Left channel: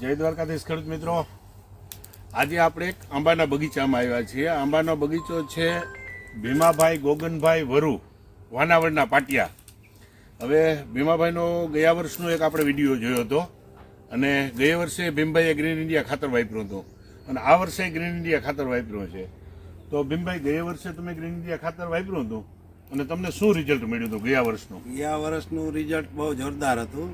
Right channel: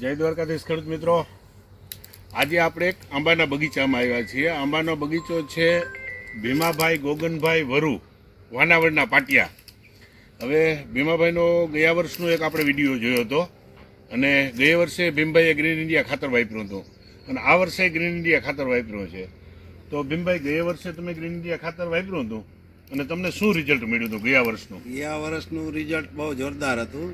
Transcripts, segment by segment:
જય દ્વારકાધીશ ખેડૂત મિત્રો, આજે આપણે એક આંબાના બગીચામાં આવ્યા છીએ. આંબાનો બગીચો છે ભીમાભાઈ ગોગનભાઈ વરુ, વાનાવડના પાટિયા. હવે ભીમાભાઈનો ગયા વર્ષનો એક આપણે વિડીયો જોયો હતો અને ગયા વર્ષે ભીમભાઈએ ગ્રીન ઇન્ડિયા ખાતર વાપર્યું હતું અને આ વર્ષે ગ્રીન ઇન્ડિયા ખાતર વાપર્યું છે. તો ભીમભાઈ, ગયા વર્ષે તમે ગ્રીન ઇન્ડિયા ખાતર વાપર્યું હતું અને તમને શું રિઝલ્ટ મળ્યું હતું ગયા વર્ષનું? ગયા વર્ષનું રિઝલ્ટ બહુ જોરદાર હતું.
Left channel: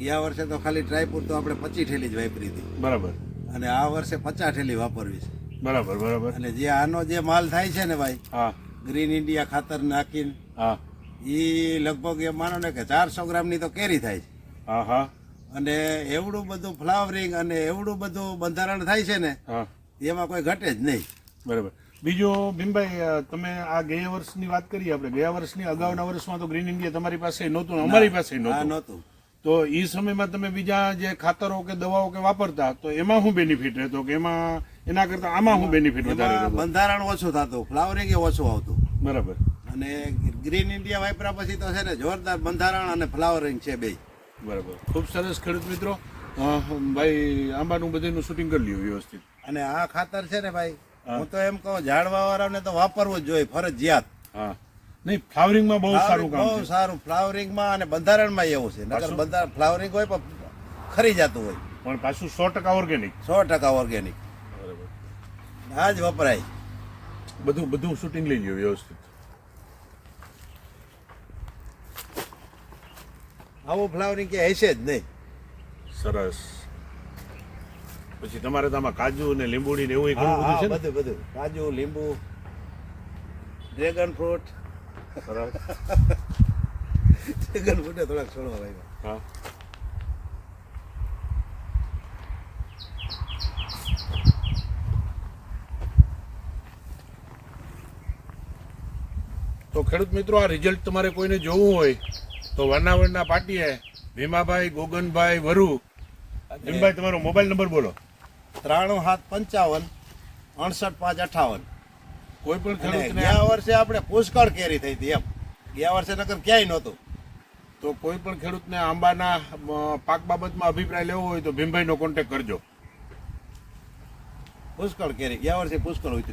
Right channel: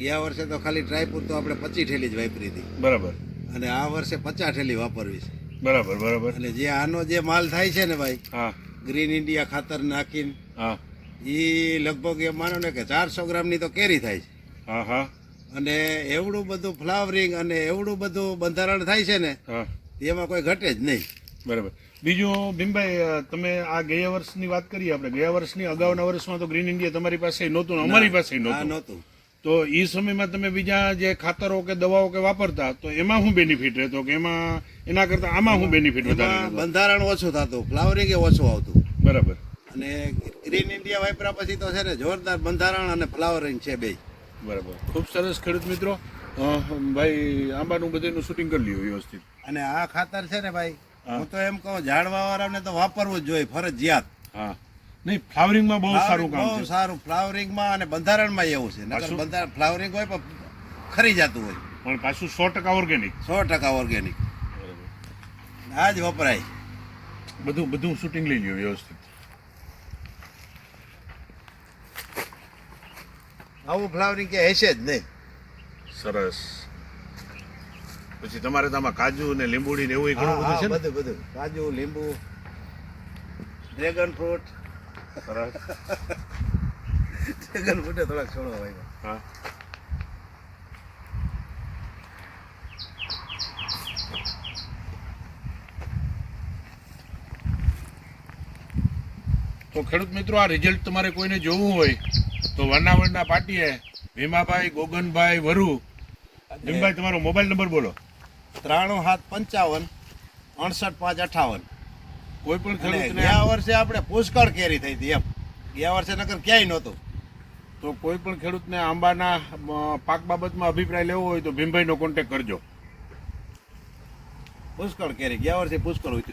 ગયા વર્ષે તો ખાલી ટ્રાયપુર તો આપણે 25 ઠેલી જ વાપરી હતી. બરાબર. અને આ વર્ષે 50 ઠેલી વાપરવી છે. બરાબર બરાબર. અને જે આનો જે માલ થાય છે ને ભાઈ, હા, ગ્રીન ઇન્ડિયા ખાતર નાખીને, હા, એ લગભગ એ માનો ને કે 400 ગ્રામની તો કેરી થાય છે. હા, હા, અને એવડું બધું ફ્લાવરિંગ અને એવડું બધું બંધારણ થાય છે ને, હા, એમાં કોઈ ઘટે જ નહીં. બરાબર. બીજું ભીમભાઈ, તમે આ ગયા વર્ષની વાત કરી, આપણે ગયા વર્ષની અગાઉના વર્ષમાં તો ગ્રીન ઇન્ડિયા તમારી પાસે નહોતું ને અમારી પાસે આ નહોતું. નહોતું. તો એ સમયમાં તમે બીજા જે ખાતરો કે દવાઓ કે વાપરતા, તો એમાં શું બેનિફિટ રહેતો કે એમાં એના કરતા આમાં શું બેનિફિટ વધારે એમાં રહેતો? બંધારણ ઓછું થતું, ફ્લાવરિંગ એ ઓછું આવતું. બરાબર. અને ગ્રીન ઇન્ડિયા વાપર્યા પછી તો છે ને જોરદાર બંધારણ અને ફ્લાવરિંગ છે બે. બરાબર. ખૂબ સરસ ખેડૂત મિત્રો. ભાઈ, આંબાનું બધાનું શૂટિંગ કરી લ્યો વ્યવસ્થિત. અને આ ખાતર છે ને ભાઈ, હું તો એમ કહું ઝાડવા વાળાને તો વાપરવું જ જોઈએ ફરજિયાત. હા, નહીં, ફ્લાવરિંગમાં બહુ સારું કામ બહુ છે. સારું ફ્લાવરિંગમાં અને બંધારણમાં એવું છે. નકર બંધારણ ફ્લાવરિંગ હોય પણ ખરી જતું હોય. પણ પાછું 100% ઓર્ગેનિક. 100% ઓર્ગેનિક. બરાબર. આ જ વપરાય. બધું શૂટિંગ લઈ લ્યો વ્યવસ્થિત. આવું ફ્લાવરિંગ કે હશે જ નહીં. સરસ. પછી તમારે તો આમાં કાજુ ને લીંબુડી ને એવું ઘણું બધું છે ને? બધું કાજુ, લીંબુ, ડ્રેગન ફ્રૂટ. સરસ. ડ્રેગન ફ્રૂટે થોડાક છોડવા ભાઈ. હા. તો ખેડૂત મિત્રો, આ રિઝલ્ટ તમારે કોઈને જોવું હોય તો વાનાવડના પાટીએ ભીમાભાઈ ગોગનભાઈ વરુ. ભીમભાઈ, તમારો મોબાઈલ નંબર બોલો. 93 55 58 કોઈ પણ 58. અને ખેડૂતને ગયા વર્ષે આપણે પુષ્કળ કેરી થઈ હતી એમ. ગયા વર્ષે નકર ક્યાંય નહોતું. તો કોઈ પણ ખેડૂતને આંબાના પાક બાબતમાં અભિપ્રાય લેવો હોય તો ભીમભાઈનો કોન્ટેક્ટ કરજો. પુષ્કળ કેરી ગયા વર્ષે પુષ્કળ ઉતરી.